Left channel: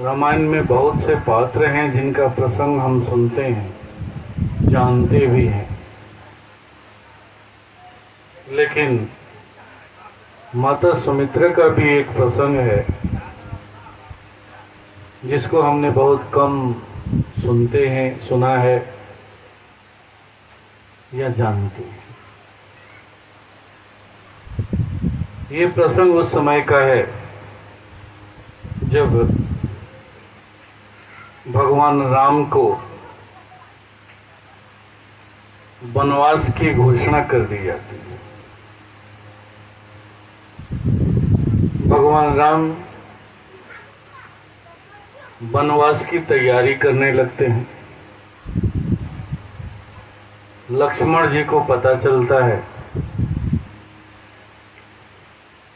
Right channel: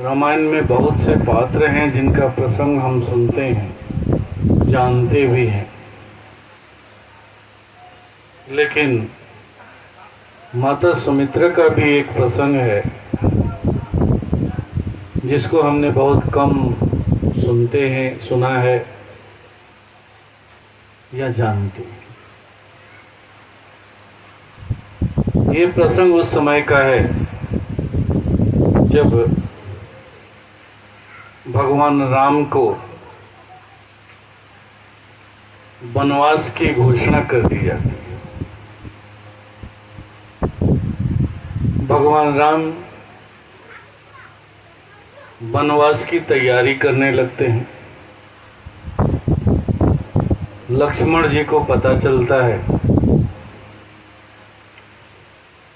रामायण में बहुत से पात्र हैं जिनका प्रसंग हम सुनते हैं, जानते भी हैं, लेकिन माता सुमित्रा का भी एक प्रसंग है जिसको हमने बहुत कम सुनते हैं, सुना है या जानते हैं। ये प्रसंग उस समय का है जब भगवान राम को वनवास की घोषणा कर दी जाती है। भगवान राम वनवास की तैयारी करने लगते हैं। लक्ष्मण जी को पता चलता है।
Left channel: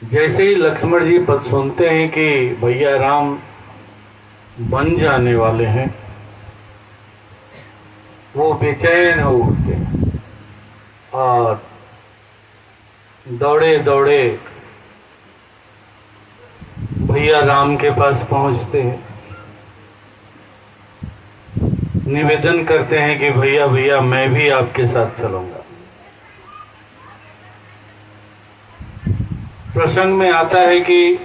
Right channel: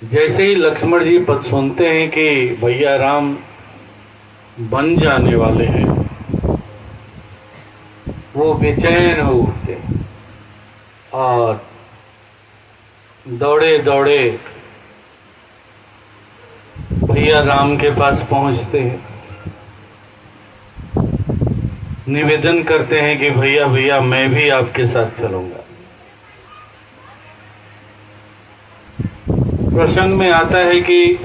जैसे ही लक्ष्मण जी सुनते हैं कि भैया राम बन जाने वाले हैं, वो बेचैन हो उठते और दौड़े दौड़े भैया राम के पास पहुंचते हैं। निवेदन करते हैं कि भैया भैया मैं भी आपके साथ चलूंगा। प्रसंग में आता है कि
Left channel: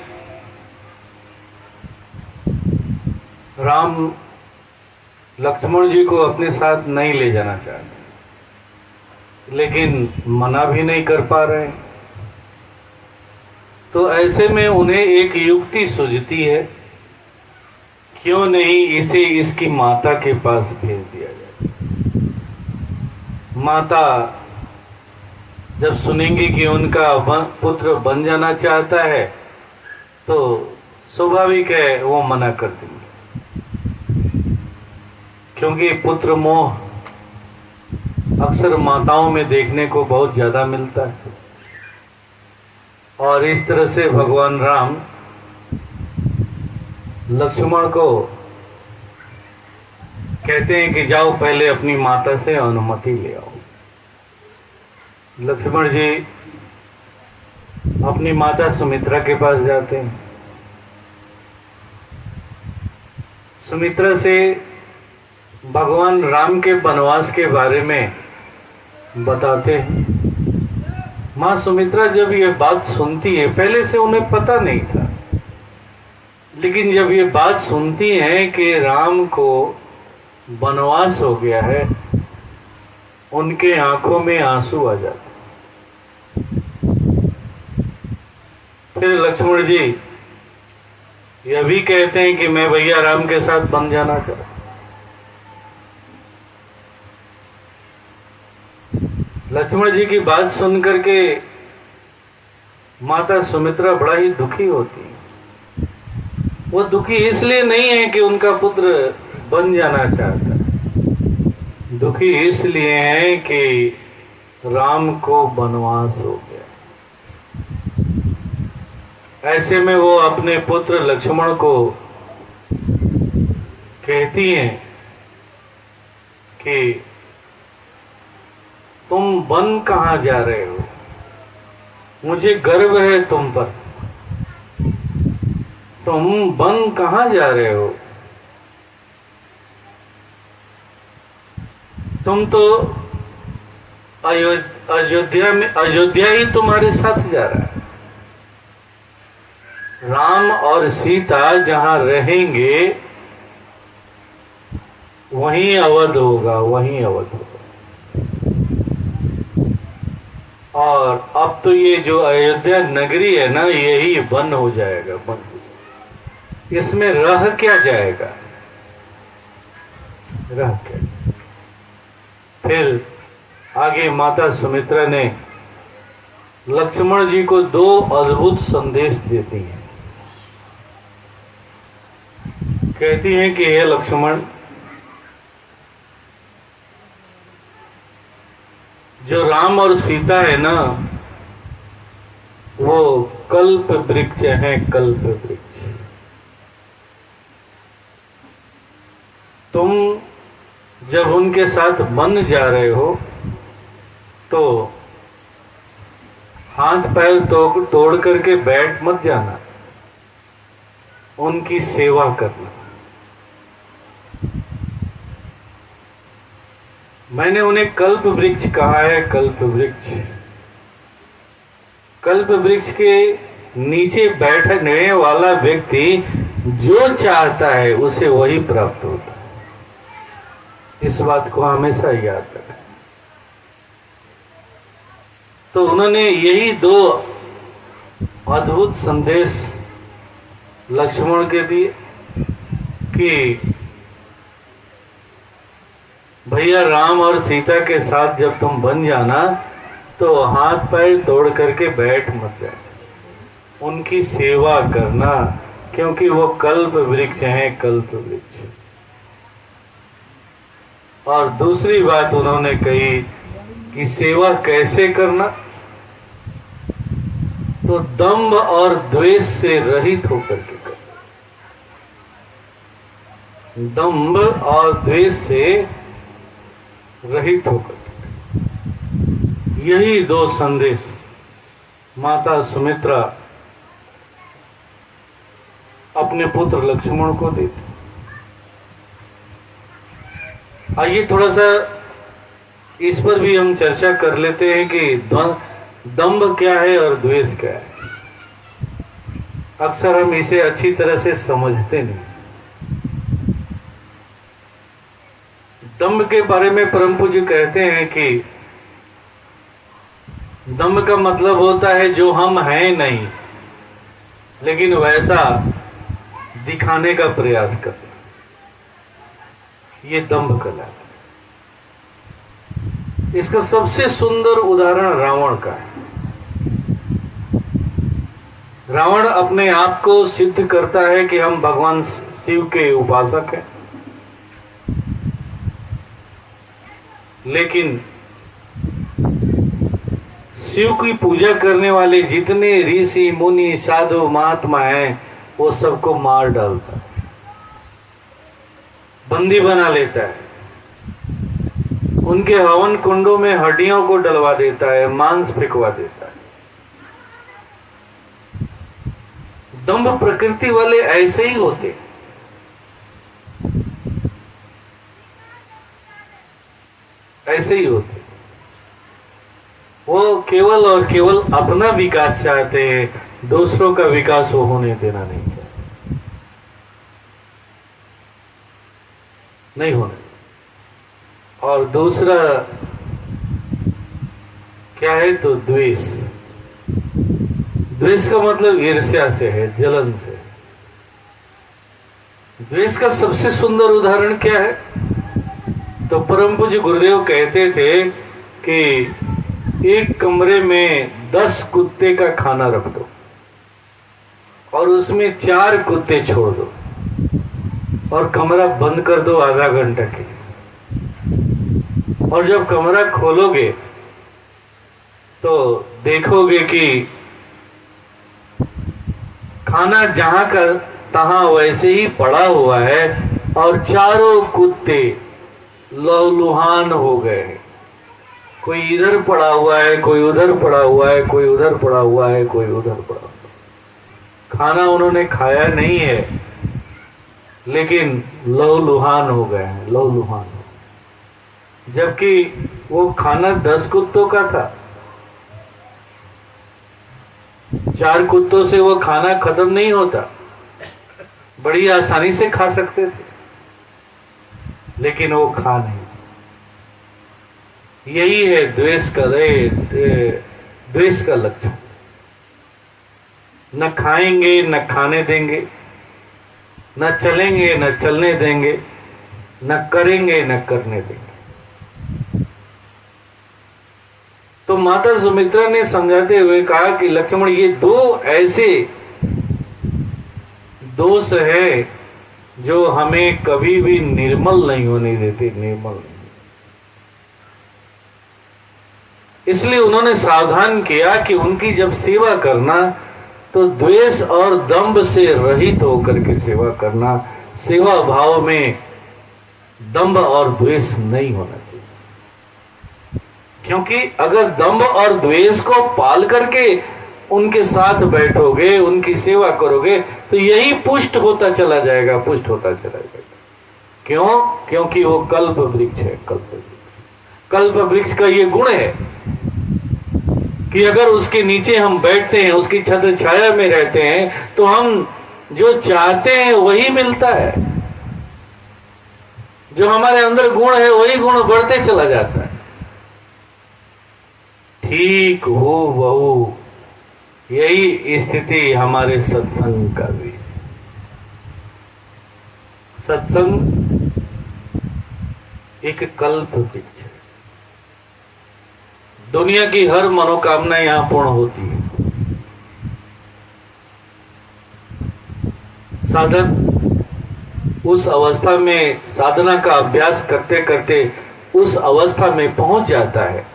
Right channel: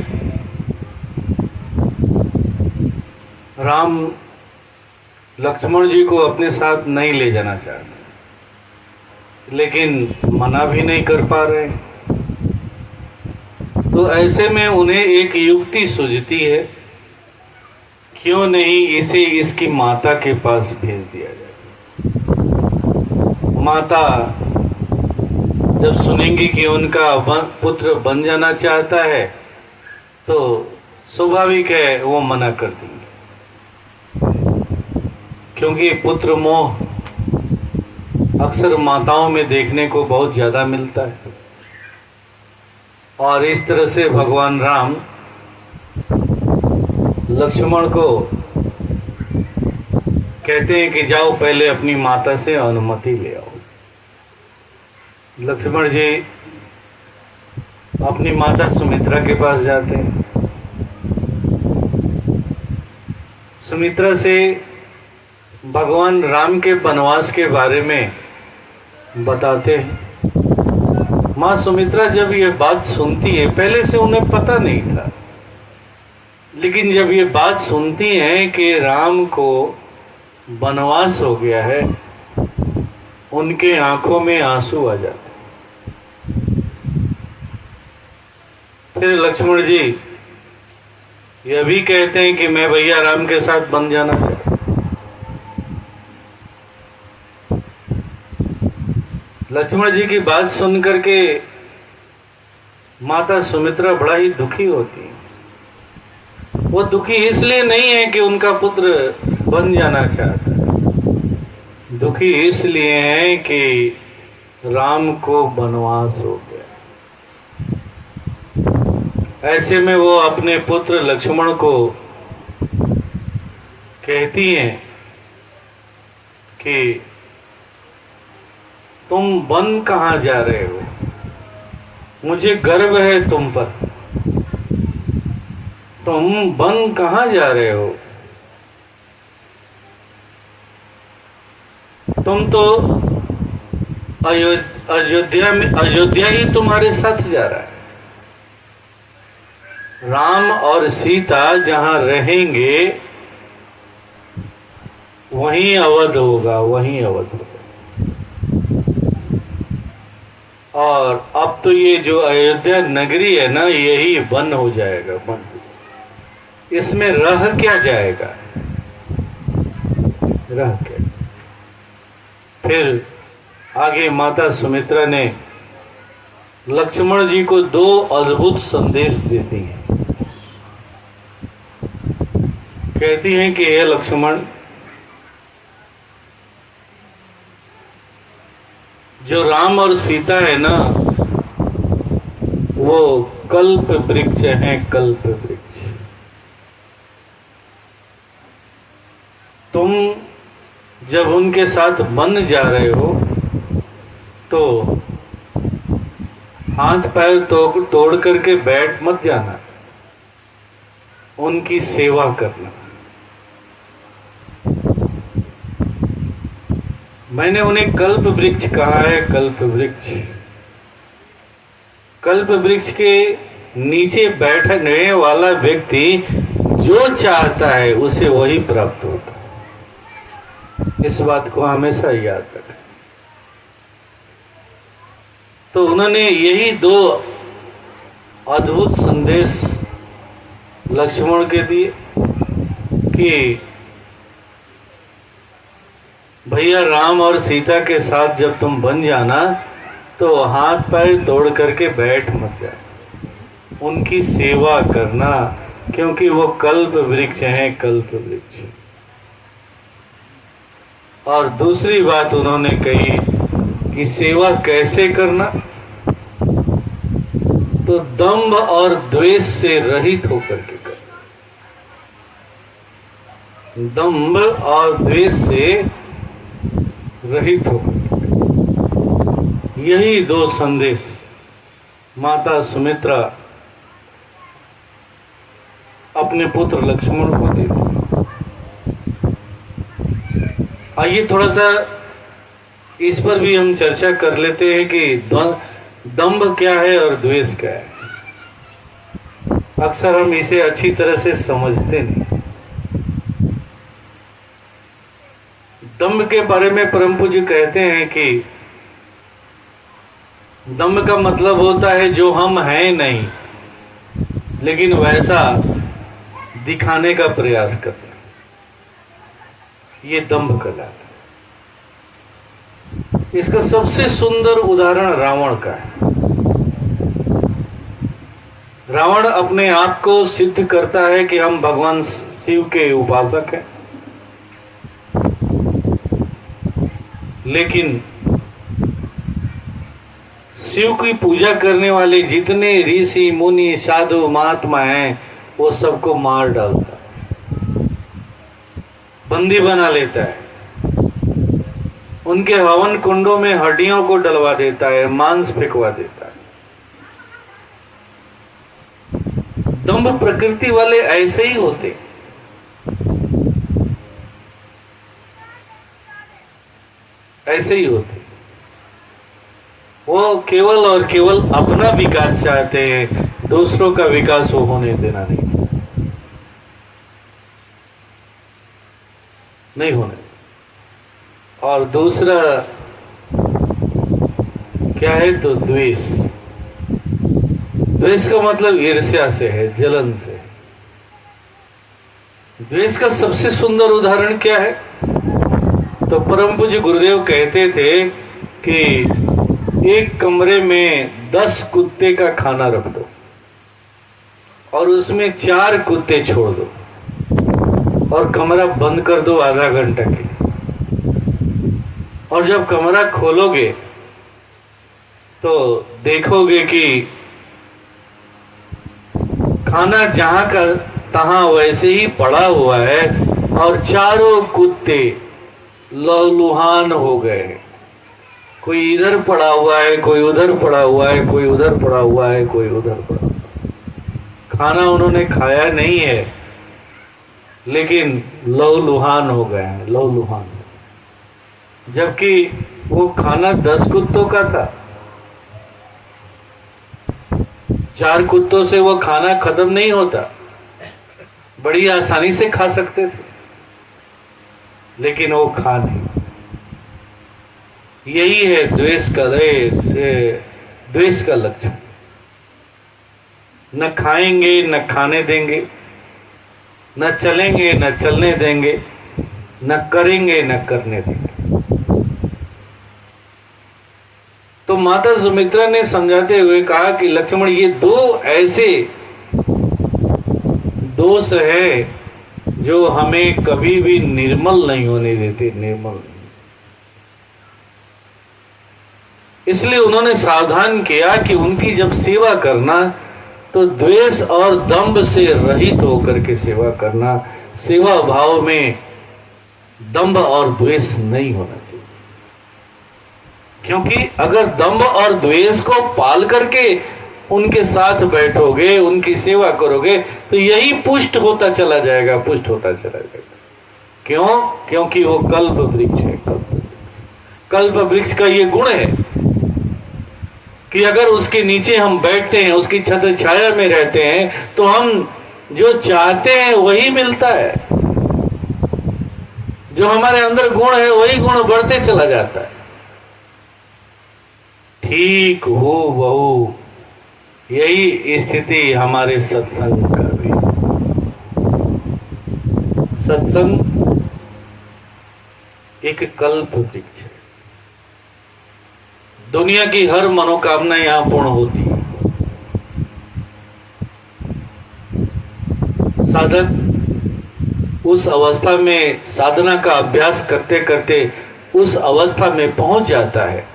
राम लक्ष्मण जी को अपने साथ नहीं ले जाना चाहते, लेकिन मना भी नहीं कर पा रहे। तो ऐसे में उन्हें एक युक्ति सूझती है, क्यों नहीं इसे इसकी माता के पास भेज दिया जाए। माता जब सुनेंगी कि उनका पुत्र बन जाना चाहता है तो स्वाभाविक है वो मना कर देंगे, क्योंकि पुत्र मोह अक्सर माताओं में देखने को बहुत ज्यादा मिलता है। और इस तरह से भगवान राम लक्ष्मण को कहते हैं कि जाओ पहले अपनी माता से अनुमति ले आओ। लक्ष्मण जी अपनी माता सुमित्रा के पास जाते हैं। सुमित्रा से भगवान राम के वनवास के बारे में बताते हैं। मां सुमित्रा जब ये बात सुनती है, पहले से उन्हें पता नहीं था, लेकिन जब ये बात सुनती हैं कि राम को वनवास हो गया है, उनके आंखों में आंसू आ जाते। फिर लक्ष्मण जी यह भी कहते हैं कि मैं भैया राम के साथ बन जाना चाहता। लक्ष्मण जी की बात सुनकर के माता सुमित्रा बड़ा ही दुखी होती है। वो दुखी इसलिए नहीं है कि उनका पुत्र बन जाना चाहता है, दुखी इसलिए है कि राम को वनवास हो गया। ऐसे में वो अपने पुत्र लक्ष्मण को कहती हैं कि तुम वन कहां जा रहे हो, मुझे गर्व है तुम पर। तुम वन कहां जा रहे हो? तुम तो अयोध्या ही तुम्हारे साथ जा रहा है। राम और सीता जहां रहेंगे वहीं अवध होगा, वहीं अवध होगा। और अब तो ये जो अयोध्या नगरी है ना, यही वन हो जाएगा, वन। इसमें रह क्या जाएगा, रह क्या। फिर आगे माता सुमित्रा ने लक्ष्मण जी को दो अद्भुत संदेश देती हैं। कहती हैं कि हे लक्ष्मण, जो राम और सीता है ना, वो कल्प वृक्ष है, कल्प वृक्ष। तुम जब उनके साथ बन जा रहे हो तो हाथ पैर तोड़ करके बैठ मत जाना, उनकी सेवा करना। मैंने उन्हें कल्प वृक्ष कहा है। कल्प वृक्ष, कल्प वृक्ष के नीचे बैठने वाला व्यक्ति जो चाहता है उसे वही प्राप्त होता है। इस बात को हमेशा याद रखें। तो उन्होंने यही दो अद्भुत संदेश लक्ष्मण के दिए कि भैया राम और सीता के साथ जब तुम बन जाना तो हाथ पैर तोड़ करके बैठ मत जाना, उनकी सेवा करना, क्योंकि वो कल्प वृक्ष हैं, कल्प वृक्ष। और दूसरी बात उन्होंने कही कि सेवा कैसे करना, तो दंभ और द्वेष से रहित होकर के करना। दंभ और द्वेष से रहित होकर के करना। यही दो संदेश माता सुमित्रा अपने पुत्र लक्ष्मण को देती। आइए थोड़ा सा इस पर भी हम चर्चा कर लेते हैं कि दंभ क्या है और द्वेष क्या है। अक्सर हम इसे अच्छी तरह से समझते नहीं। दंभ के बारे में परम पूज्य कहते हैं कि दंभ का मतलब होता है जो हम हैं नहीं, लेकिन वैसा दिखाने का प्रयास करना, ये दंभ कहलाता है। इसका सबसे सुंदर उदाहरण रावण का है। रावण अपने आप को सिद्ध करता है कि हम भगवान शिव के उपासक हैं, लेकिन शिव की पूजा करने वाले जितने ऋषि मुनि साधु महात्मा हैं वो सबको मार डालता है, बंदी बना लेता है, उनके हवन कुंडों में हड्डियों को डलवा देता है, मांस फेंकवा देता है। दंभ प्रकृति वाले ऐसे ही होते, ऐसे ही होते। वो केवल और केवल अपना विकास चाहते हैं, दूसरों का विकास वो होने देना नहीं होने। और दूसरा क्या है, तो द्वेष। द्वेष का मतलब ईर्ष्या से है, जलन से है। द्वेष का सबसे सुंदर उदाहरण क्या है, तो परम पूज्य गुरुदेव कहते थे कि एक कमरे में 10 कुत्ते का खाना रख दो और उसमें 4 कुत्ते छोड़ दो और कमरा बंद कर दो आधा घंटा के लिए। और जब कमरा खोलोगे तो देखोगे कि खाना जहां का तहां वैसे ही पड़ा हुआ है और चारों कुत्ते लहूलुहान हो गए हैं। कोई इधर पड़ा हुआ है, कोई उधर पड़ा हुआ है, कोई उधर पड़ा हुआ है, कोई उधर पड़ा हुआ है। खाना उन्होंने खाया नहीं है, लेकिन लहूलुहान हो गए हैं, लहूलुहान। जबकि वो खाना 10 कुत्तों का था, 4 कुत्तों से वो खाना खत्म नहीं होता, बड़ी आसानी से खा सकते थे, लेकिन वो खा नहीं। यही है द्वेष का लक्षण। न खाएंगे, न खाने देंगे, न चलेंगे, न चलने देंगे, न करेंगे, न करने देंगे। तो माता सुमित्रा ने समझाते हुए कहा कि लक्ष्मण, ये 2 ऐसे दोष है जो हमें कभी भी निर्मल नहीं होने देते, निर्मल नहीं। इसलिए उन्होंने सावधान किया कि उनकी जब सेवा करना तो द्वेष और दंभ से रहित होकर के सेवा करना। सेवा भाव में दंभ और द्वेष नहीं होना चाहिए, क्योंकि अगर दंभ और द्वेष को पाल करके उनके साथ बैठोगे, उनकी सेवा करोगे, तो यही पुष्ट होता चला जाएगा, पुष्ट होता चला जाएगा। क्यों? क्योंकि वो कल्प वृक्ष है, कल्प वृक्ष। कल्प वृक्ष का ये गुण है कि अगर उसके नीचे हम बैठते हैं, उसकी छत्र छाया में रहते हैं, तो हम जो चाहते हैं वही मिलता है। जो हमारे अंदर गुण है वही गुण बढ़ते चला जाता है। ठीक हो बहु यही स्थिति हमारे सत्संग का भी। सत्संग एक कल्प वृक्ष है। दुनिया की हर मनोकामना यहां पूर्ण होती है। साधक उस अवस्था में साधना का अभ्यास करते करते उस अवस्था में पहुंच जाता है,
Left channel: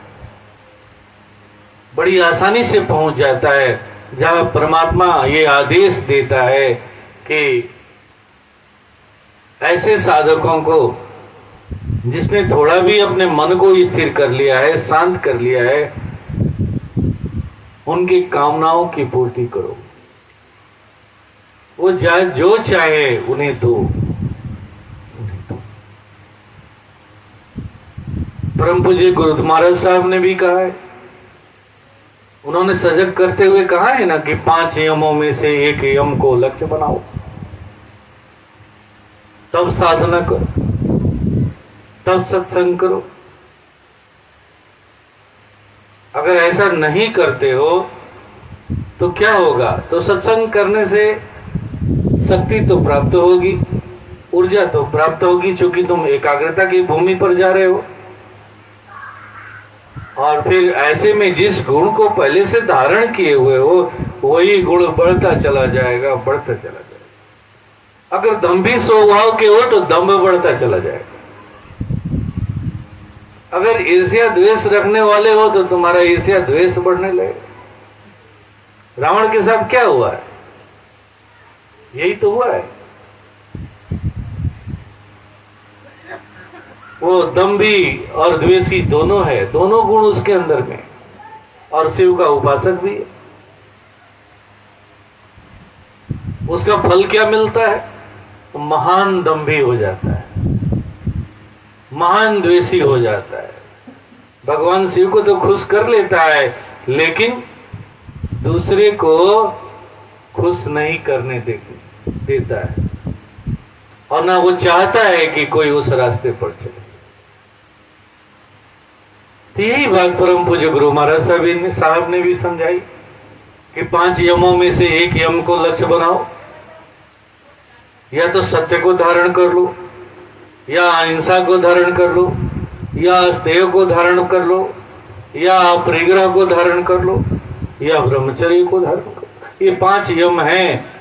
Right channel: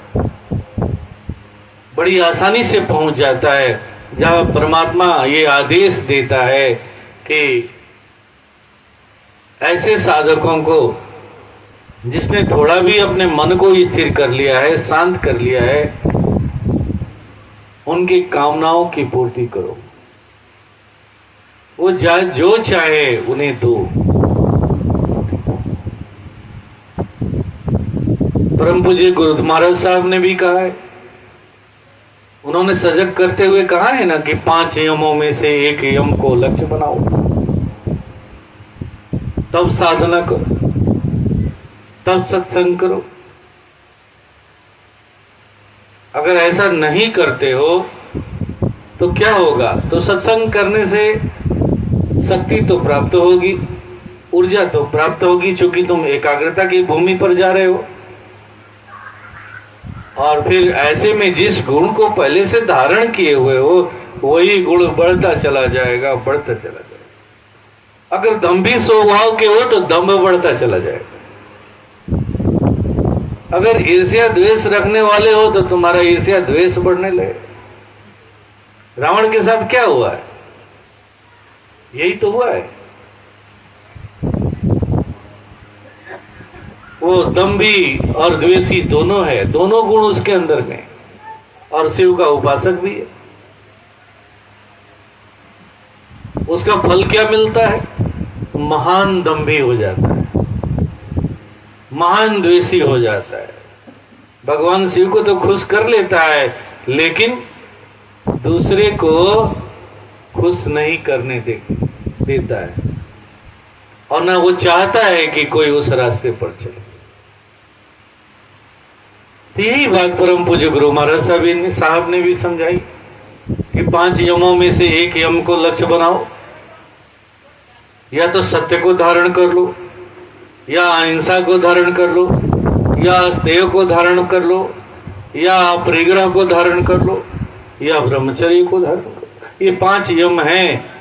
बड़ी आसानी से पहुंच जाता है, जहां परमात्मा ये आदेश देता है कि ऐसे साधकों को जिसने थोड़ा भी अपने मन को स्थिर कर लिया है, शांत कर लिया है, उनकी कामनाओं की पूर्ति करो। वो जो चाहे उन्हें दो। परम पूज्य गुरु महाराज साहब ने भी कहा है, उन्होंने सजग करते हुए कहा है ना कि 5 यमों में से एक यम को लक्ष्य बनाओ, तब साधना करो, तब सत्संग करो। अगर ऐसा नहीं करते हो तो क्या होगा? तो सत्संग करने से शक्ति तो प्राप्त होगी, ऊर्जा तो प्राप्त होगी, क्योंकि तुम एकाग्रता की भूमि पर जा रहे हो। और फिर ऐसे में जिस गुण को पहले से धारण किए हुए हो वही गुण बढ़ता चला जाएगा, बढ़ता चला जाएगा। अगर दंभी स्वभाव के हो तो दंभ बढ़ता चला जाएगा। अगर ईर्ष्या द्वेष रखने वाले हो तो तुम्हारा ईर्ष्या द्वेष बढ़ने लगे। रावण के साथ क्या हुआ है? यही तो हुआ है। वो दंभी और द्वेषी दोनों है, दोनों गुण उसके अंदर में, और शिव का उपासक भी है। उसका फल क्या मिलता है? महान दंभी हो जाता है, महान द्वेषी हो जाता है। भगवान शिव को तो खुश कर लेता है, लेकिन दूसरे को खुश नहीं करने देता है, और ना वो चाहता है कि कोई उस रास्ते पर चले। तो यही बात परम पूज्य गुरु महाराज साहब ने भी समझाई कि 5 यमों में से एक यम को लक्ष्य बनाओ। या तो सत्य को धारण कर लो, या अहिंसा को धारण कर लो, या अस्तेय को धारण कर लो, या परिग्रह को धारण कर लो, या ब्रह्मचर्य को धारण कर लो। ये 5 यम हैं।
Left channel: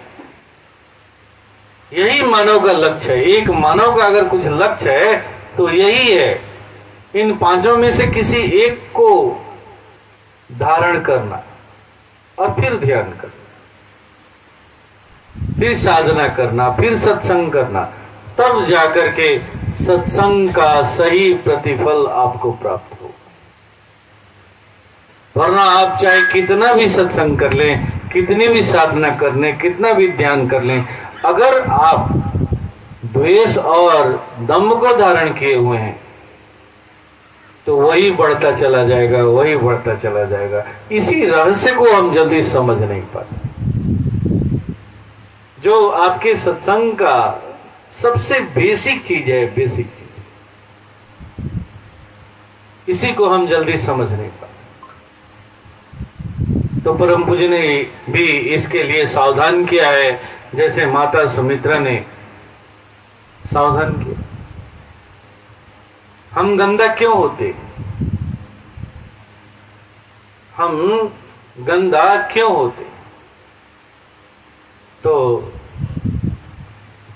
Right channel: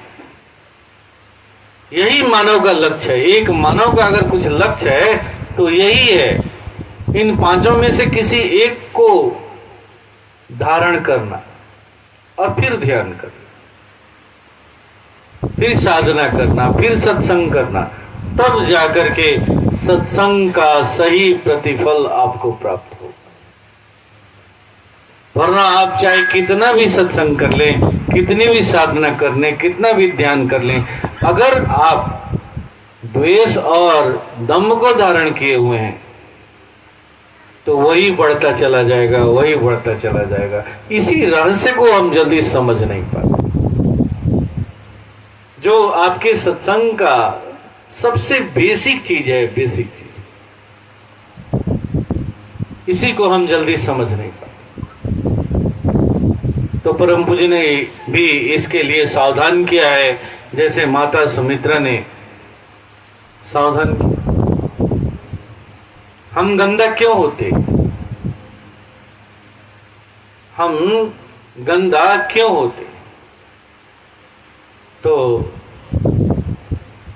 यही मानव का लक्ष्य है। एक मानव का अगर कुछ लक्ष्य है तो यही है, इन 5 में से किसी एक को धारण करना और फिर ध्यान करना, फिर साधना करना, फिर सत्संग करना, तब जाकर के सत्संग का सही प्रतिफल आपको प्राप्त हो। वरना आप चाहे कितना भी सत्संग कर लें, कितनी भी साधना कर लें, कितना भी ध्यान कर लें, अगर आप द्वेष और दम्भ को धारण किए हुए हैं तो वही बढ़ता चला जाएगा, वही बढ़ता चला जाएगा। इसी रहस्य को हम जल्दी समझ नहीं पाते। जो आपके सत्संग का सबसे बेसिक चीज है, बेसिक चीज, इसी को हम जल्दी समझ नहीं पाते। तो परम पूज्य ने भी इसके लिए सावधान किया है, जैसे माता सुमित्रा ने सावधान किया। हम गंदा क्यों होते? हम गंदा क्यों होते? तो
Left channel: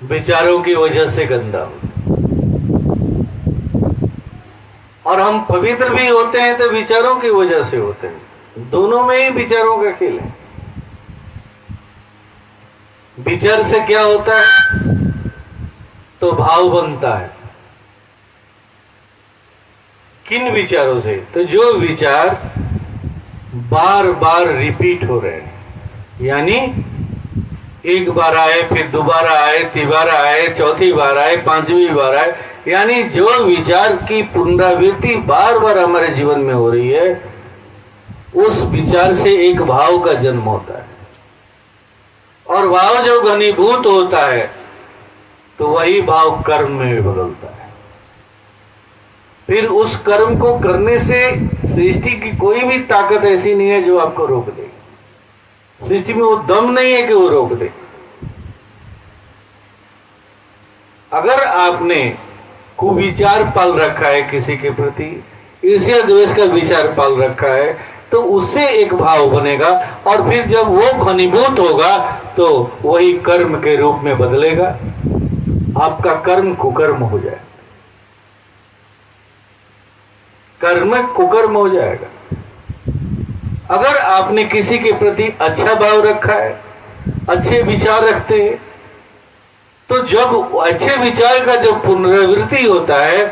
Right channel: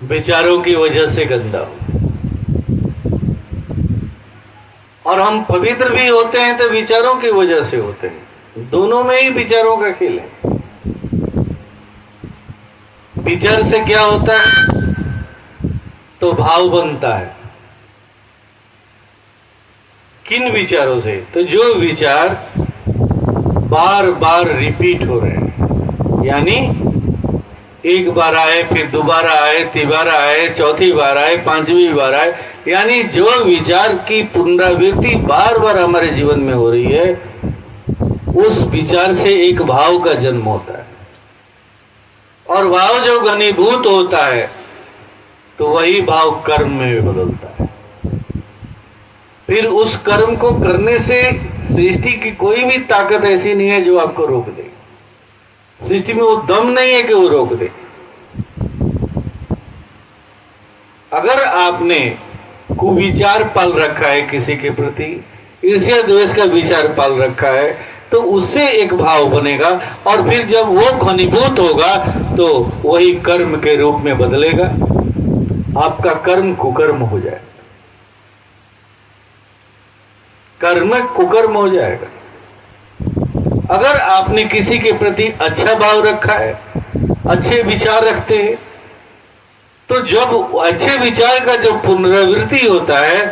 विचारों की वजह से गंदा हो। और हम पवित्र भी होते हैं तो विचारों की वजह से होते हैं। दोनों में ही विचारों का खेल है। विचार से क्या होता है? तो भाव बनता है। किन विचारों से? तो जो विचार बार बार रिपीट हो रहे हैं, यानी एक बार आए, फिर दोबारा आए, तिबारा आए, चौथी बार आए, पांचवी बार आए, यानी जो विचार की पुनरावृत्ति बार बार हमारे जीवन में हो रही है, उस विचार से एक भाव का जन्म होता है, और भाव जब घनीभूत होता है तो वही भाव कर्म में भी बदलता है। फिर उस कर्म को करने से सृष्टि की कोई भी ताकत ऐसी नहीं है जो आपको रोक दे। सृष्टि में वो दम नहीं है कि वो रोक दे। अगर आपने कुविचार पाल रखा है किसी के प्रति, ईर्ष्या द्वेष का विचार पाल रखा है, तो उससे एक भाव बनेगा, और फिर जब वो घनीभूत होगा तो वही कर्म के रूप में बदलेगा। आपका कर्म कुकर्म हो जाएगा, कर्म कुकर्म हो जाएगा। अगर आपने किसी के प्रति अच्छा भाव रखा है, अच्छे विचार रखते हैं, तो जब अच्छे विचार का जब पुनरावृत्ति होता है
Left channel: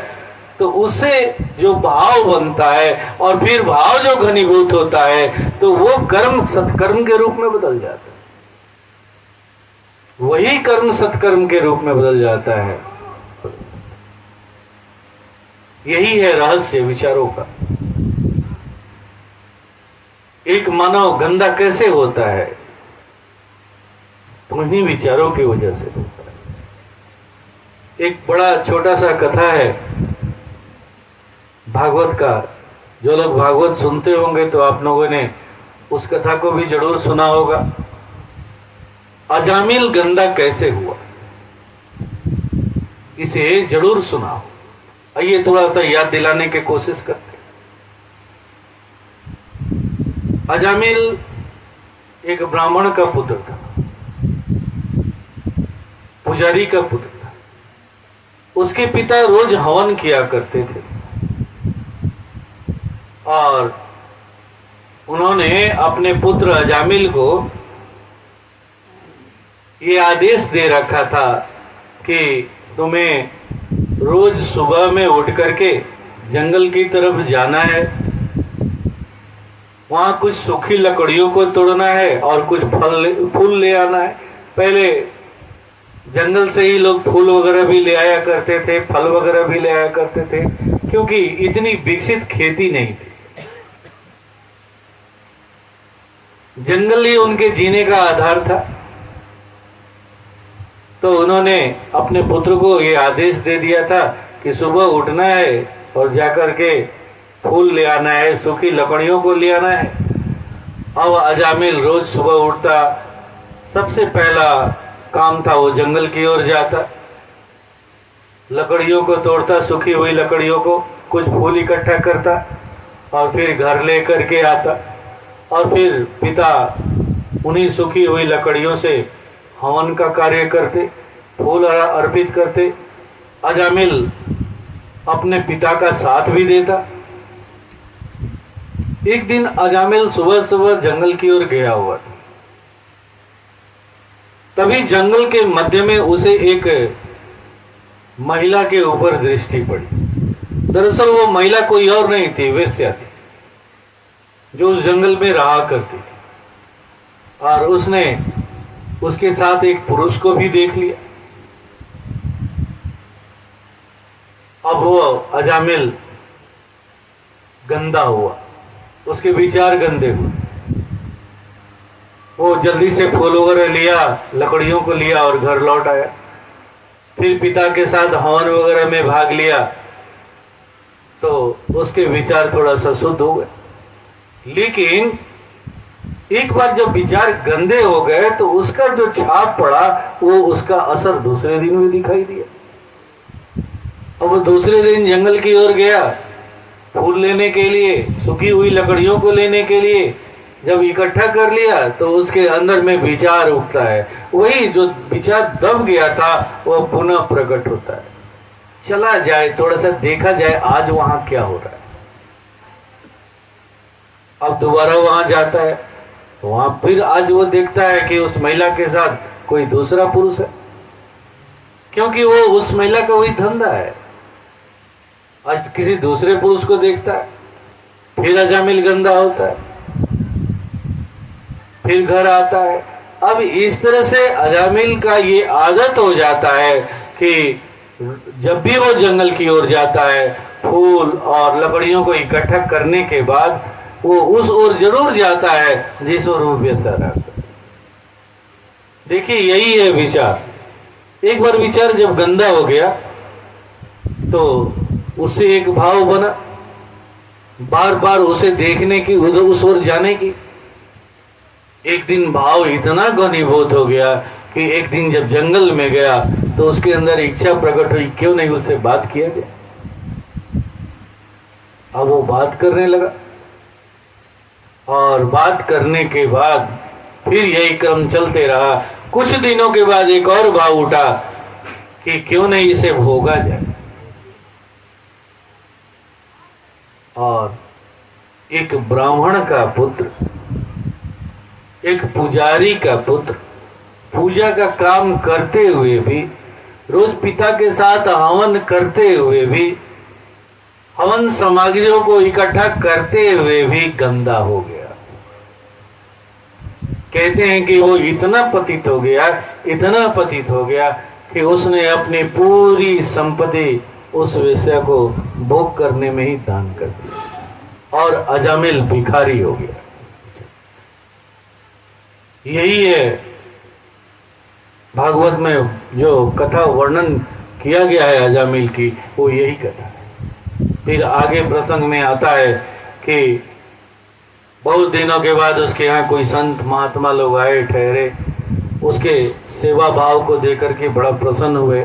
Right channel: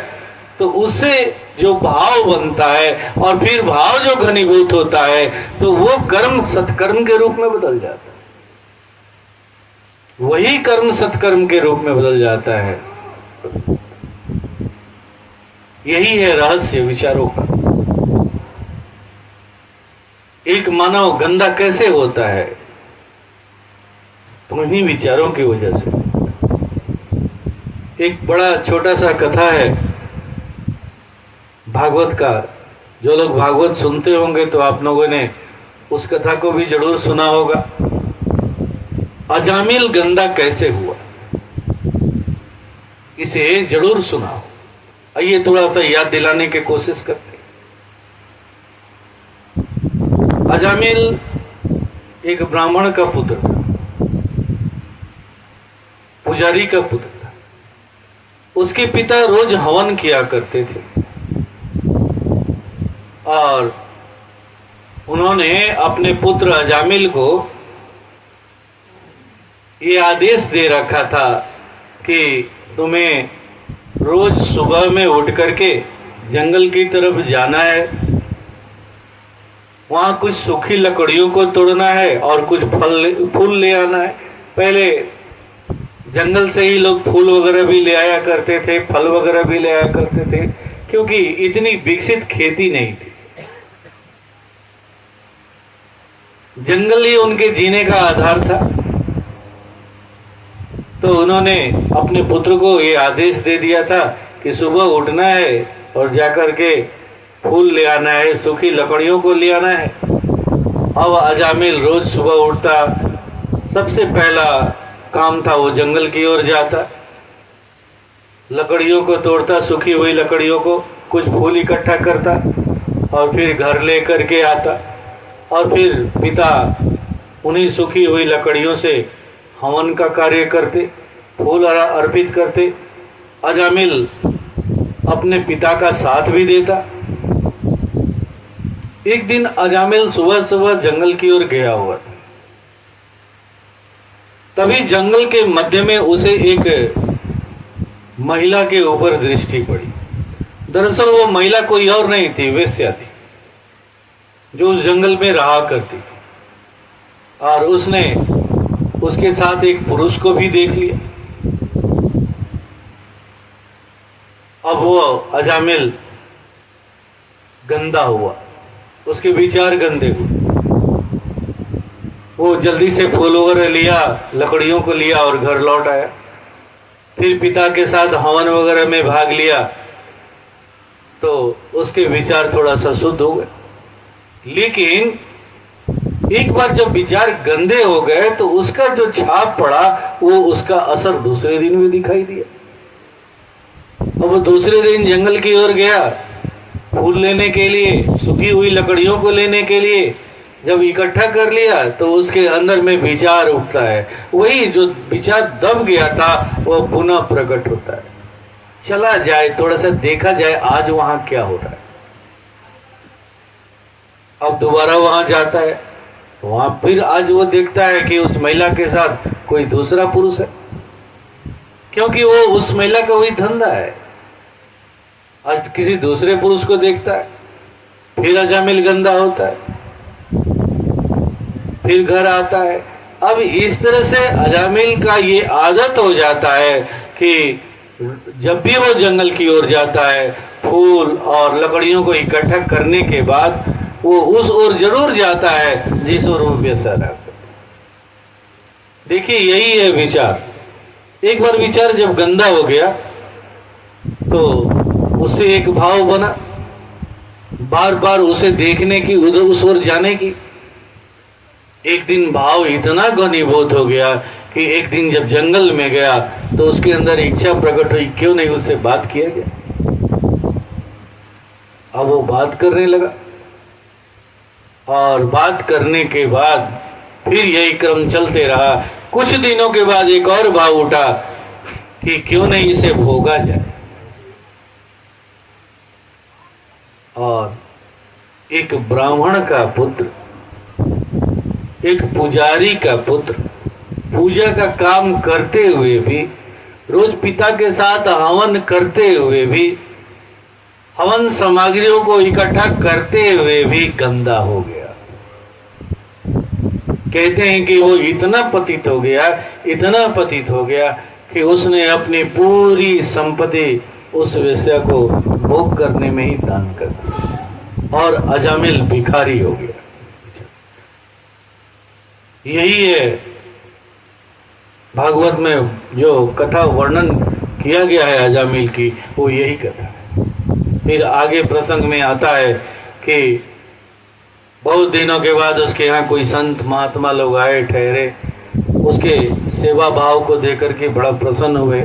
तो उससे जो भाव बनता है, और फिर भाव जो घनीभूत होता है, तो वो कर्म सत्कर्म के रूप में बदल जाता है। वही कर्म सत्कर्म के रूप में बदल जाता है। यही है रहस्य विचारों का। एक मानव गंदा कैसे होता है? तो इन्हीं विचारों की वजह से। एक बड़ा छोटा सा कथा है भागवत का। जो लोग भागवत सुनते होंगे तो आप लोगों ने उस कथा को भी जरूर सुना होगा। अजामिल गंदा कैसे हुआ, इसे जरूर सुना हो। आइए थोड़ा सा याद दिलाने की कोशिश करते हैं। अजामिल एक ब्राह्मण का पुत्र था, पुजारी का पुत्र था। उसके पिता रोज हवन किया करते थे, और उन्होंने अपने पुत्र अजामिल को ये आदेश दे रखा था कि तुम्हें रोज सुबह में उठ करके जंगल की तरफ जाना है, वहां कुछ सूखी लकड़ियों को तोड़ना है और कुछ फूल ले आना है। पहले जंगल से ही लोग फूल वगैरह भी ले आया करते थे, फल वगैरह भी ले आया करते थे, क्योंकि इतनी विकसित खेती नहीं थी। जंगल ही उनके जीने का आधार था। तो उन्होंने अपने पुत्र को ये आदेश दे दिया था कि सुबह उठना है और जाकर के फूल ले आना है, सूखी लकड़ियों को ले आना है। अब अजामिल रोज सुबह उठता, सबसे पहला काम था वो जंगल की ओर जाता, लकड़ियों को तोड़ता, सूखी हुई लकड़ियों को, कुछ फूल इकट्ठा करता और फिर घर ले करके आता, और फिर पिता उन्हीं सूखी हुई लकड़ियों से हवन का कार्य करते, फूल अर्पित करते। अजामिल अपने पिता का साथ भी देता। एक दिन अजामिल सुबह सुबह जंगल की ओर गया हुआ था। तभी जंगल के मध्य में उसे एक महिला के ऊपर दृष्टि पड़ी। दरअसल वो महिला कोई और नहीं थी, वेश्या थी, जो उस जंगल में रहा करती थी, और उसने उसके साथ एक पुरुष को भी देख लिया। अब वो अजामिल गंदा हुआ, उसके विचार गंदे हुए। वो जल्दी से फूल वगैरह लिया, लकड़ियों को लिया और घर लौट आया। फिर पिता के साथ हवन वगैरह में भाग लिया, तो उसके विचार थोड़ा सा शुद्ध हो गए। लेकिन एक बार जब विचार गंदे हो गए तो उसका जो छाप पड़ा, वो उसका असर दूसरे दिन भी दिखाई दिया। अब वो दूसरे दिन जंगल की ओर गया फूल लेने के लिए, सूखी हुई लकड़ियों को लेने के लिए। जब इकट्ठा कर लिया तो उसके अंदर में विचार उठता है, वही जो विचार दब गया था वो पुनः प्रकट होता है। चला जाए, थोड़ा सा देखा जाए आज वहां क्या हो रहा है। अब दोबारा वहां जाता है तो वहां फिर आज वो देखता है कि उस महिला के साथ कोई दूसरा पुरुष है, क्योंकि वो उस महिला का वही धंधा है। आज किसी दूसरे पुरुष को देखता है, फिर अजामिल गंदा होता है, फिर घर आता है, अब इस तरह से अजामिल का ये आदत हो जाता है कि जब भी वो जंगल की ओर जाता है, फूल और लकड़ियों को इकट्ठा करने के बाद वो उस ओर जरूर जाता है जिस ओर वो बेसहारा रहता है। देखिए यही है विचार। एक बार विचार जब गंदा हो गया तो उससे एक भाव बना, बार बार उसे देखने की, उधर उस ओर जाने की। एक दिन भाव इतना घनीभूत हो गया कि एक दिन जब जंगल में गया तो उसके अंदर इच्छा प्रकट हुई, क्यों नहीं उससे बात किया गया। अब वो बात करने लगा और बात करने के बाद फिर यही क्रम चलते रहा। कुछ दिनों के बाद एक और भाव उठा कि क्यों नहीं इसे भोगा जाए। और एक ब्राह्मण का पुत्र, एक पुजारी का पुत्र, पूजा का काम करते हुए भी, रोज पिता के साथ हवन करते हुए भी, हवन सामग्रियों को इकट्ठा करते हुए भी गंदा हो गया। कहते हैं कि वो इतना पतित हो गया, इतना पतित हो गया कि उसने अपनी पूरी संपत्ति उस वेश्या को भोग करने में ही दान कर दिया और अजामिल भिखारी हो गया। यही है भागवत में जो कथा वर्णन किया गया है अजामिल की, वो यही कथा है। फिर आगे प्रसंग में आता है कि बहुत दिनों के बाद उसके यहाँ कोई संत महात्मा लोग आए, ठहरे, उसके सेवा भाव को देकर के बड़ा प्रसन्न हुए।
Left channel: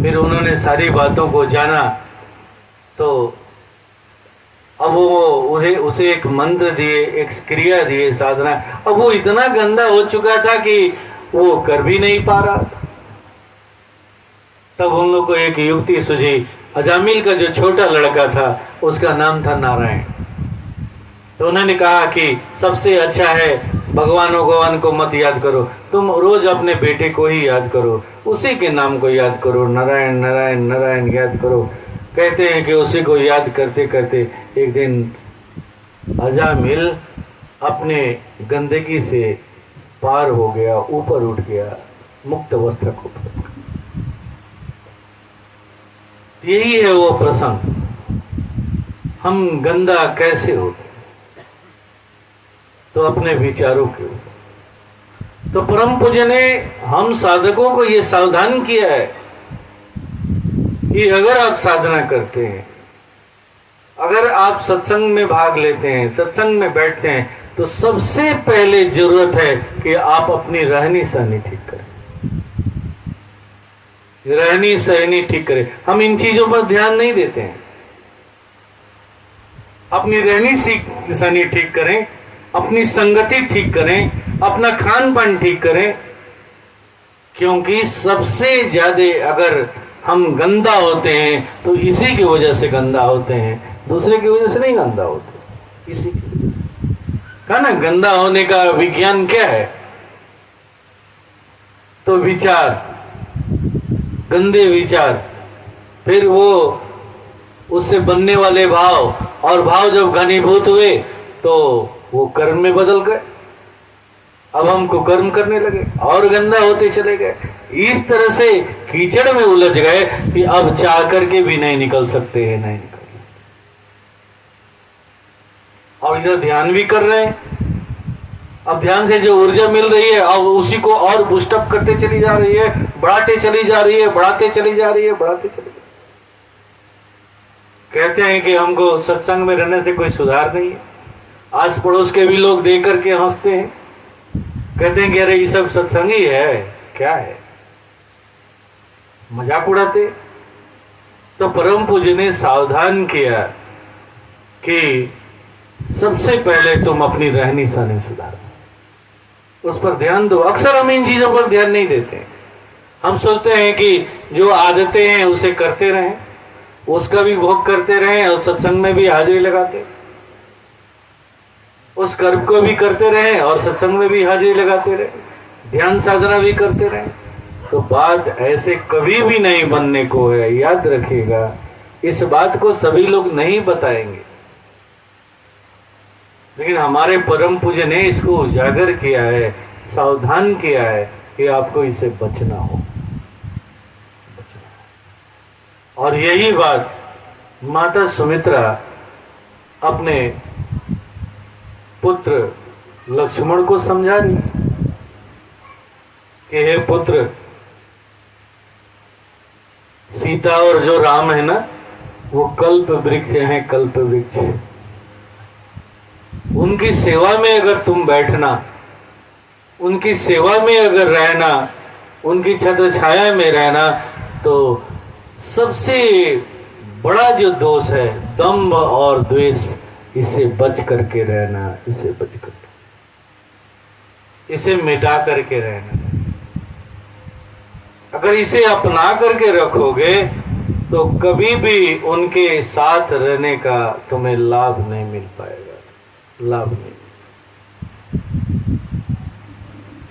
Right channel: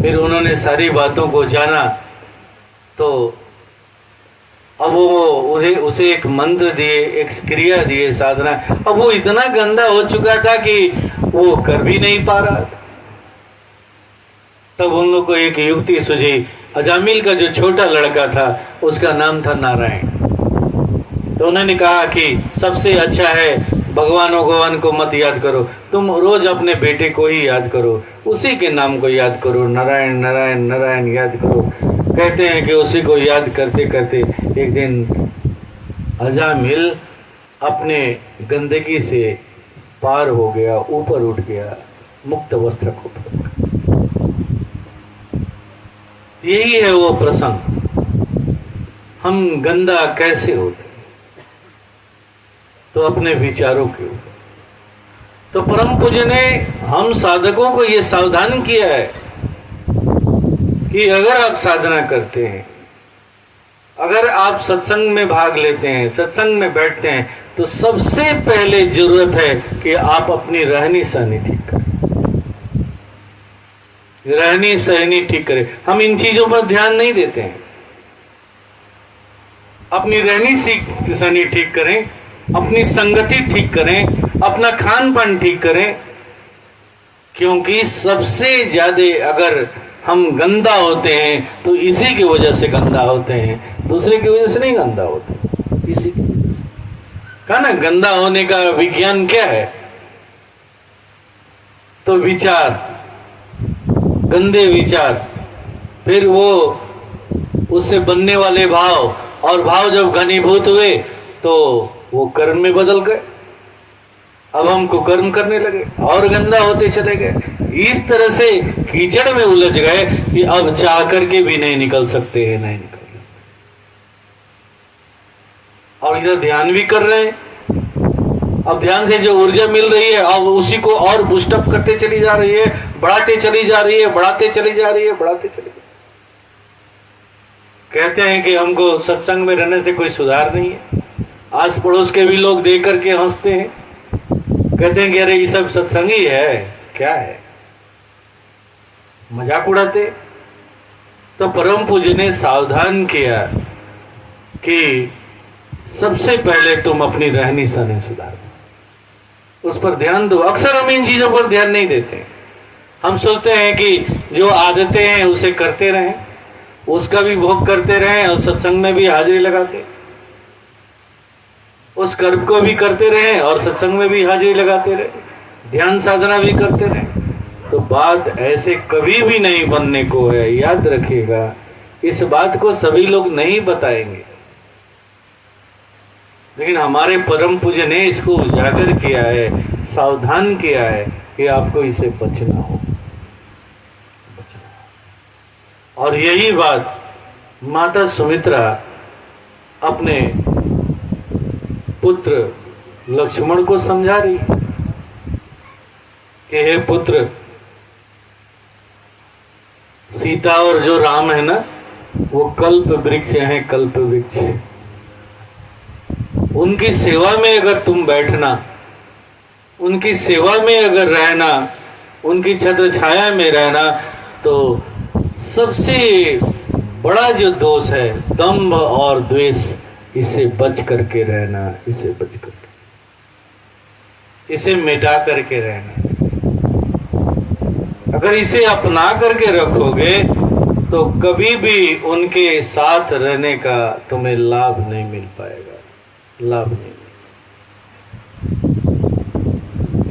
फिर उन्होंने सारी बातों को जाना तो अब वो उन्हें उसे एक मंत्र दिए, एक क्रिया दिए, साधना। अब वो इतना गंदा हो चुका था कि वो कर भी नहीं पा रहा था। तब उन लोग को एक युक्ति सूझी। अजामिल का जो छोटा लड़का था उसका नाम था नारायण। तो उन्होंने कहा कि सबसे अच्छा है भगवान भगवान को मत याद करो, तुम रोज अपने बेटे को ही याद करो, उसी के नाम को याद करो, नारायण नारायण नारायण याद करो। कहते हैं कि उसी को याद करते करते एक दिन अजामिल अपने गंदगी से पार हो गया, ऊपर उठ गया, मुक्त वस्त्र को। यही है वो प्रसंग। हम गंदा कैसे होते, तो अपने विचारों के ऊपर। तो परम पूज्य ने हम साधकों को ये सावधान किया है कि अगर आप साधना करते हैं, अगर आप सत्संग में भाग लेते हैं, सत्संग में बैठते हैं, तो सबसे पहले जरूरत है कि आप अपनी रहनी सहनी ठीक करें। रहनी सहनी ठीक करें। हम इन चीजों पर ध्यान नहीं देते हैं। अपनी रहनी सहनी ठीक करें, अपनी संगति ठीक करें, अपना खान पान ठीक करें। क्योंकि सबसे ज्यादा अगर हम गंदा होते हैं तो इसी की वजह से गंदा होते हैं, दूसरे की वजह से नहीं गंदा होते, इसी की वजह से। कहा ना गंदा होने का विज्ञान क्या है? तो विचार, गंदे विचार, फिर वो उससे बनने वाले भाव, और भाव जब घनीभूत हुए तो वो कर्म में बदल गए। अब हम कुकर्म करने लगे और गंदा होते चले गए। इस तरह से कीचड़ में उलझ गए कि अब चाह करके भी नहीं निकल सकते हैं, नहीं निकल सकते। और इधर ध्यान भी कर रहे हैं। अब ध्यान से जो ऊर्जा मिल रही है अब उसी को और बूस्टअप करते चली जा रही है, बढ़ाते चली जा रही है, बढ़ाते चली जा रही है, बढ़ाते चली जा रही है। कहते हैं कि हमको सत्संग में रहने से कोई सुधार नहीं है। आस पड़ोस के भी लोग देख करके हंसते हैं, कहते हैं कि अरे ये सब सत्संग ही है, क्या है, मजाक उड़ाते। तो परम पूज्य ने सावधान किया कि सबसे पहले तुम अपनी रहनी सहनी सुधारो, उस पर ध्यान दो। अक्सर हम इन चीजों पर ध्यान नहीं देते। हम सोचते हैं कि जो आदतें हैं उसे करते रहें, उसका भी भोग करते रहें और सत्संग में भी हाजिरी लगाते, उस कर्म को भी करते रहें और सत्संग में भी हाजिरी लगाते रहे, ध्यान साधना भी करते रहें। तो बात ऐसे कभी भी नहीं बनने को है, याद रखिएगा। इस बात को सभी लोग नहीं बताएंगे। लेकिन हमारे परम पूज्य ने इसको उजागर किया है, सावधान किया है कि आपको इसे बचना हो। और यही बात माता सुमित्रा अपने पुत्र लक्ष्मण को समझा रही कि हे पुत्र, सीता और जो राम है ना, वो कल्प वृक्ष हैं, कल्प वृक्ष। उनकी सेवा में अगर तुम बैठना, उनकी सेवा में अगर रहना, उनकी छत्र छाया में रहना, तो सबसे बड़ा जो दोष है दंभ और द्वेष, इसे बच करके रहना, इसे बच करके, इसे मिटा करके रहना। अगर इसे अपना करके रखोगे तो कभी भी उनके साथ रहने का तुम्हें लाभ नहीं मिल पाएगा, लाभ नहीं।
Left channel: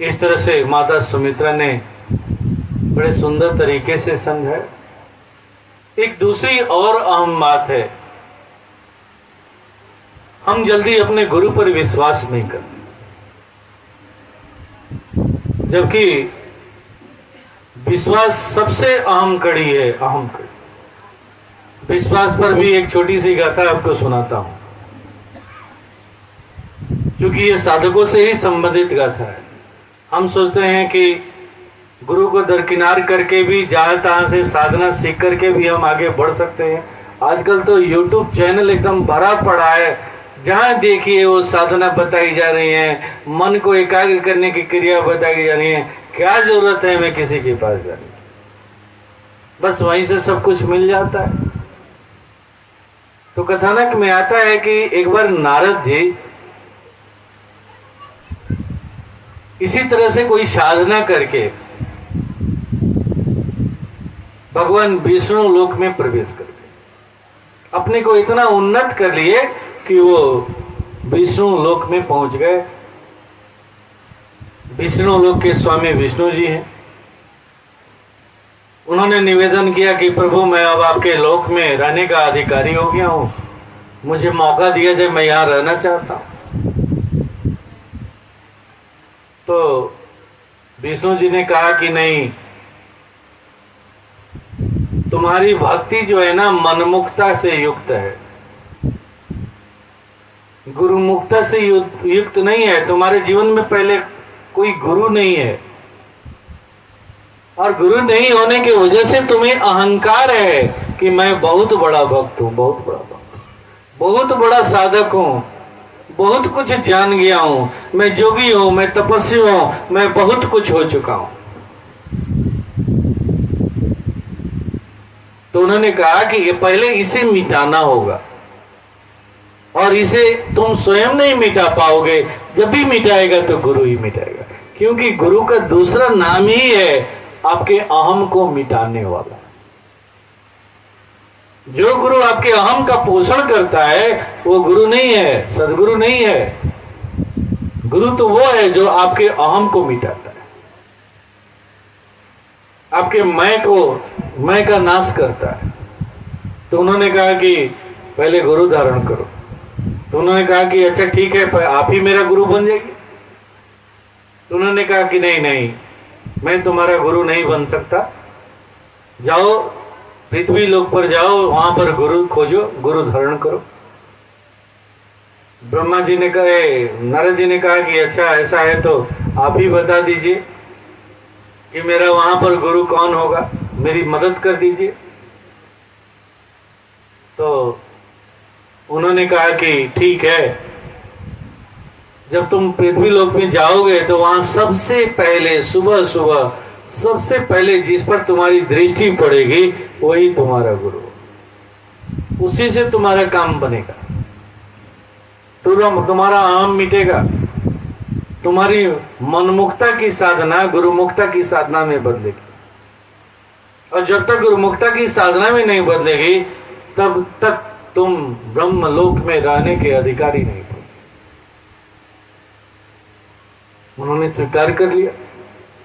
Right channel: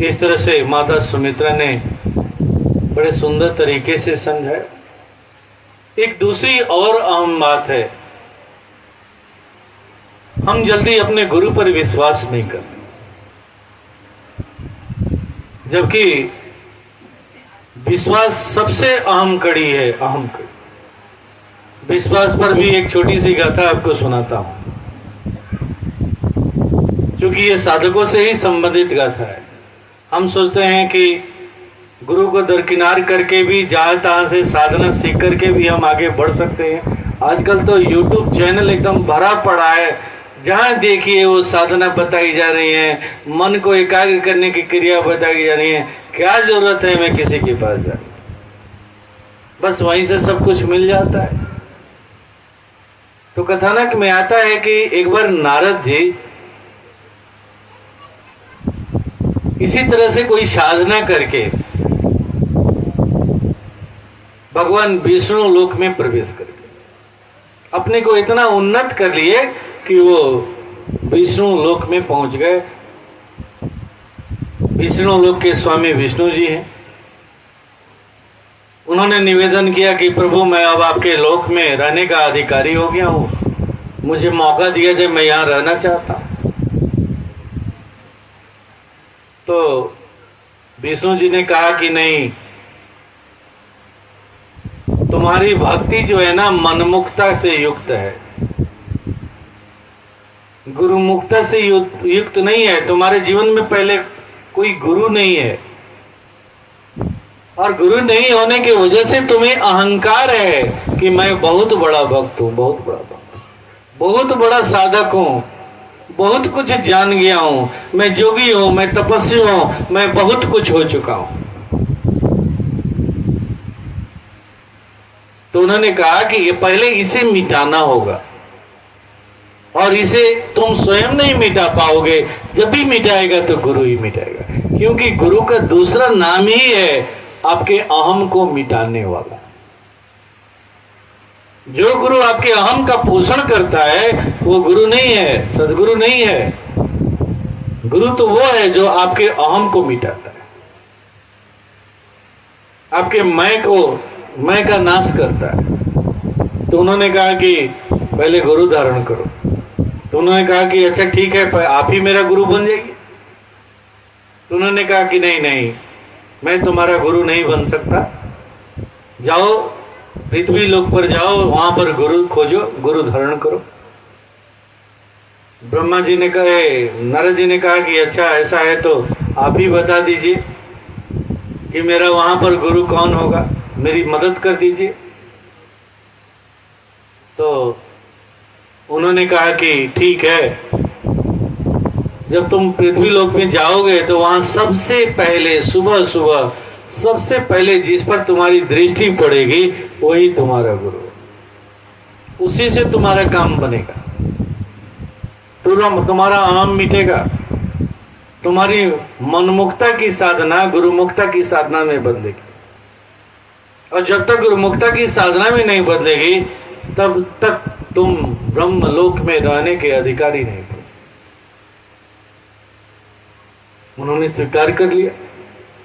इस तरह से माता सुमित्रा ने बड़े सुंदर तरीके से समझाया। एक दूसरी और अहम बात है, हम जल्दी अपने गुरु पर विश्वास नहीं करते, जबकि विश्वास सबसे अहम कड़ी है, अहम कड़ी। विश्वास पर भी एक छोटी सी गाथा आपको सुनाता हूं, क्योंकि ये साधकों से ही संबंधित गाथा है। हम सोचते हैं कि गुरु को दरकिनार करके भी जहां तहां से साधना सीख करके भी हम आगे बढ़ सकते हैं। आजकल तो YouTube चैनल एकदम भरा पड़ा है, जहां देखिए वो साधना बताई जा रही है, मन को एकाग्र करने की क्रिया बताई जा रही है। क्या जरूरत है मैं किसी के पास जाने, बस वहीं से सब कुछ मिल जाता है। तो कथानक में आता है कि एक बार नारद जी इसी तरह से कोई साधना करके भगवान विष्णु लोक में प्रवेश करके अपने को इतना उन्नत कर लिए कि वो विष्णु लोक में पहुंच गए। विष्णु लोक के स्वामी विष्णु जी हैं। उन्होंने निवेदन किया कि प्रभु, मैं अब आपके लोक में रहने का अधिकारी हो गया हूं, मुझे मौका दिया जाए, मैं यहां रहना चाहता हूं। तो विष्णु जी ने कहा कि नहीं, तुम्हारी भक्ति जो है ना मनमुक्ता से युक्त है, गुरुमुक्ता से युक्त नहीं है। तुम्हारे जीवन में पहले कोई गुरु नहीं है, और गुरु नहीं होने की वजह से तुम्हें अहंकार है कि मैं बहुत बड़ा भक्त हूं, बहुत बड़ा भक्त, बहुत बड़ा साधक हूं, बहुत कुछ जान गया हूं, मैं जोगी हूं, मैं तपस्वी हूं, मैं बहुत कुछ हो चुका हूं। तो उन्होंने कहा कि ये पहले इसे मिटाना होगा, और इसे तुम स्वयं नहीं मिटा पाओगे। जब भी मिटाएगा तो गुरु ही मिटाएगा, क्योंकि गुरु का दूसरा नाम ही है आपके अहम को मिटाने वाला। जो गुरु आपके अहम का पोषण करता है वो गुरु नहीं है, सदगुरु नहीं है। गुरु तो वो है जो आपके अहम को मिटाता है, आपके मैं का नाश करता है। तो उन्होंने कहा कि पहले गुरु धारण करो। तो उन्होंने कहा कि अच्छा ठीक है, आप ही मेरा गुरु बन जाएगी। तो उन्होंने कहा कि नहीं नहीं, मैं तुम्हारा गुरु नहीं बन सकता। जाओ पृथ्वी लोक पर जाओ, वहां पर गुरु खोजो, गुरु धारण करो। ब्रह्मा जी ने कहा, नारद जी ने कहा कि अच्छा ऐसा है तो आप ही बता दीजिए कि मेरा वहां पर गुरु कौन होगा, मेरी मदद कर दीजिए। तो उन्होंने कहा कि ठीक है, जब तुम पृथ्वी लोक में जाओगे तो वहां सबसे पहले सुबह सुबह सबसे पहले जिस पर तुम्हारी दृष्टि पड़ेगी वही तुम्हारा गुरु, उसी से तुम्हारा काम बनेगा, तुम्हारा आम मिटेगा, तुम्हारी मनमुक्ता की साधना गुरुमुक्ता की साधना में बदलेगी। और जब तक गुरुमुक्ता की साधना में नहीं बदलेगी तब तक तुम ब्रह्मलोक में रहने के अधिकारी नहीं हो। उन्होंने स्वीकार कर लिया।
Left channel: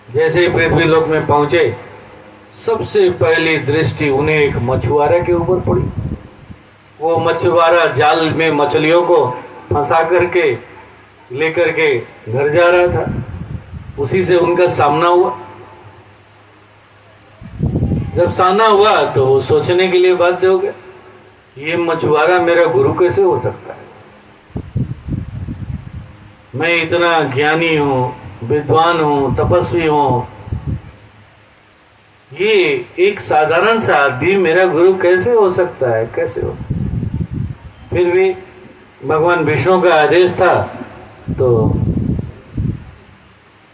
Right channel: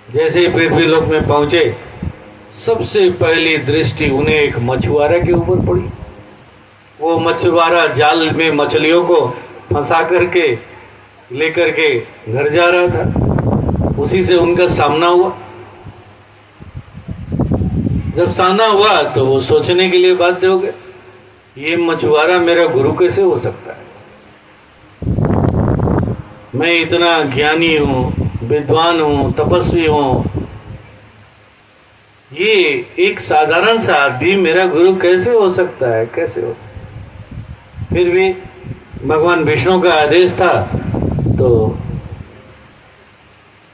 जैसे ही पृथ्वी लोक में पहुंचे, सबसे पहली दृष्टि उन्हें एक मछुआरा के ऊपर पड़ी। वो मछुआरा जाल में मछलियों को फंसा करके लेकर के घर जा रहा था, उसी से उनका सामना हुआ। जब सामना हुआ तो वो सोचने के लिए बाध्य हो गए, ये मछुआरा मेरा गुरु कैसे हो सकता है? मैं इतना ज्ञानी हूं, विद्वान हूं, तपस्वी हूं, ये एक साधारण सा आदमी मेरा गुरु कैसे हो सकता है, कैसे हो सकता है? फिर भी भगवान विष्णु का आदेश था तो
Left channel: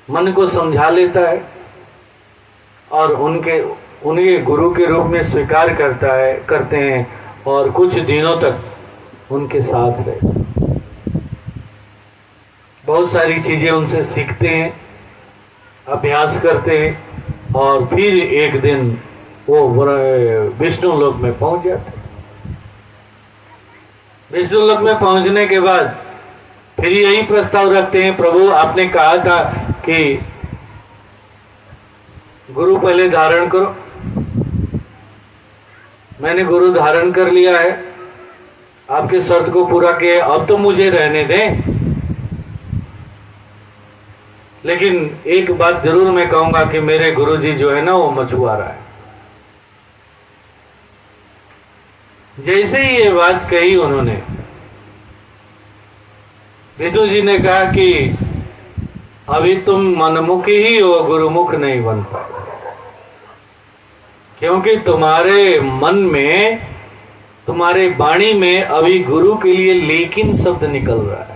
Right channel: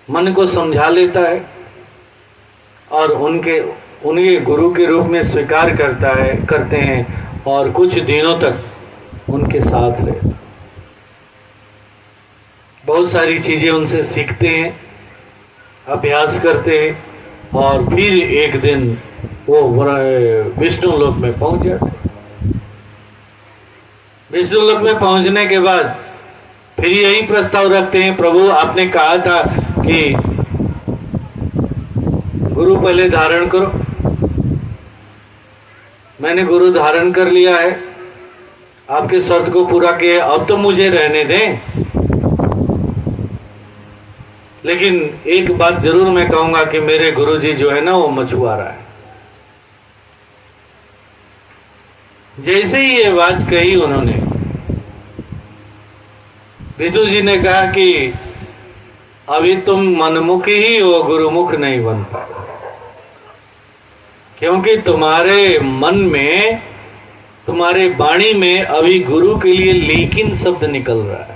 मन को समझा लेता है और उनके गुरु के रूप में स्वीकार करते हैं और कुछ दिनों तक उनके साथ रहते, बहुत सारी चीजें उनसे सीखते हैं, अभ्यास करते हैं और फिर एक दिन वो विष्णु लोक में पहुंच जाते। विष्णु लोक में पहुंचने के बाद फिर यही प्रस्ताव रखते हैं, प्रभु आपने कहा था कि गुरु पहले धारण करो, मैंने गुरु धारण कर लिया है, आपके शर्त को पूरा किया, अब तो मुझे रहने दें। लेकिन एक बात जरूर मैं कहूंगा कि मेरे गुरुजी जो है ना वो मछुआरा है। जैसे ही ये बात कही उन्होंने, विष्णु जी ने कहा कि अभी तुम मनमुखी ही हो, गुरुमुख नहीं बन पाए, क्योंकि तुम्हारे मन में, तुम्हारे वाणी में अभी गुरु के लिए लेकिन शब्द निकल रहा है।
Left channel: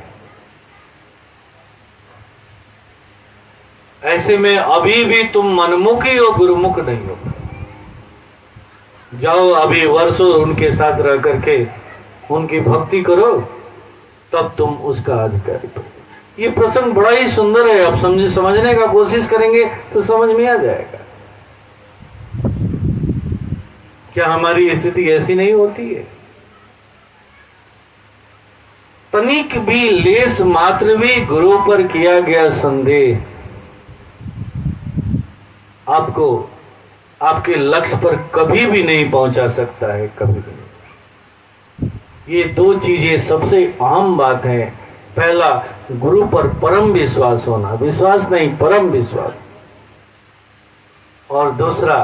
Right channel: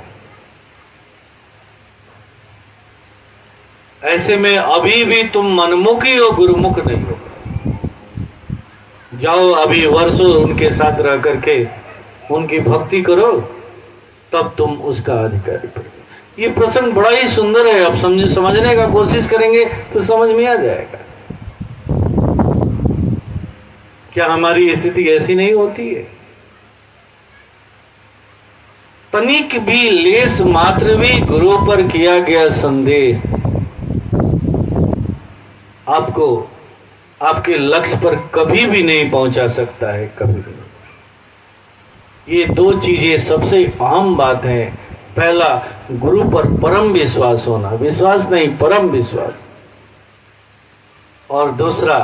ऐसे में अभी भी तुम मनमुखी हो, गुरुमुख नहीं हो। जाओ अभी वर्षों उनके साथ रह करके उनकी भक्ति करो, तब तुम उसका अधिकारी बनो। ये प्रसंग बड़ा ही सुंदर है, आप समझने का कोशिश करेंगे तो समझ में आ जाएगा। क्या हमारी स्थिति ऐसी नहीं होती है? तनिक भी, लेस मात्र भी गुरु पर किया गया संदेह आपको आपके लक्ष्य पर कभी भी नहीं पहुंचा सकता है, कभी भी नहीं। ये दो चीजें सबसे अहम बात है। पहला, गुरु पर परम विश्वास होना, विश्वास नहीं परम विश्वास। और दूसरा,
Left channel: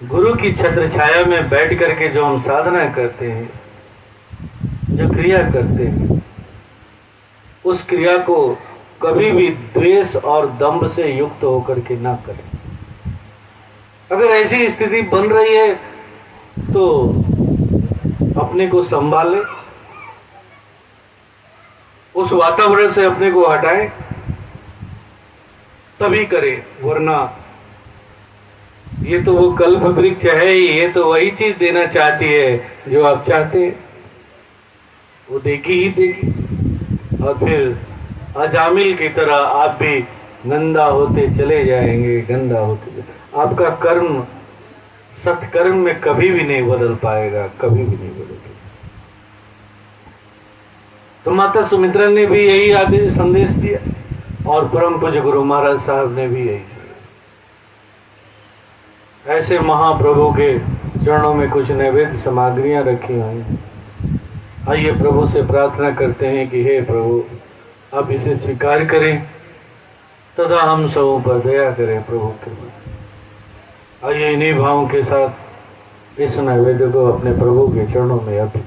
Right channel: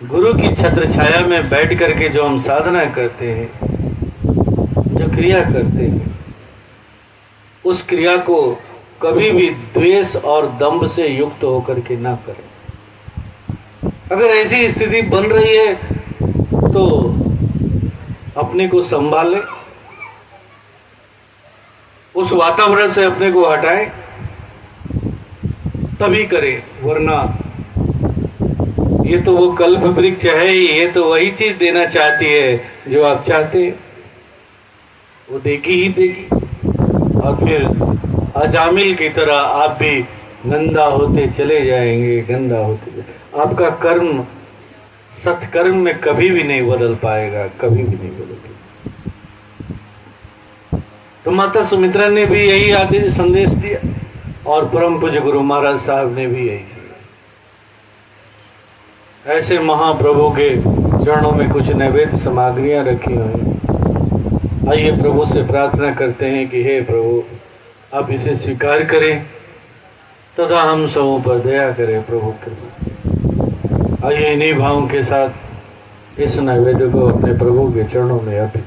गुरु की छत्र छाया में बैठ करके जो हम साधना करते हैं, जो क्रिया करते हैं, उस क्रिया को कभी भी द्वेष और दंभ से युक्त होकर के ना करें। अगर ऐसी स्थिति बन रही है तो अपने को संभालें, उस वातावरण से अपने को हटाएं, तभी करें। वरना ये तो वो कल्प वृक्ष है ही, ये तो वही चीज देना चाहती है जो आप चाहते हैं, वो देगी ही देगी। और फिर अजामिल की तरह आप भी गंदा होते चले जाएंगे, गंदा होते। आपका कर्म सत्कर्म में कभी भी नहीं बदल पाएगा, कभी भी नहीं बदलेगा। तो माता सुमित्रा ने भी यही आदेश संदेश दिया और परम पूज्य गुरु महाराज साहब ने भी यही दिया। ऐसे महाप्रभु के चरणों में कुछ नैवेद्य सामग्रियां रखी हुई। आइए प्रभु से प्रार्थना करते हैं कि हे प्रभु, आप इसे स्वीकार करें तथा हम सबों पर दया करें प्रभु कृपा। आइए इन्हीं भावों के साथ इस नैवेद्य को अपने प्रभु के चरणों में अर्पित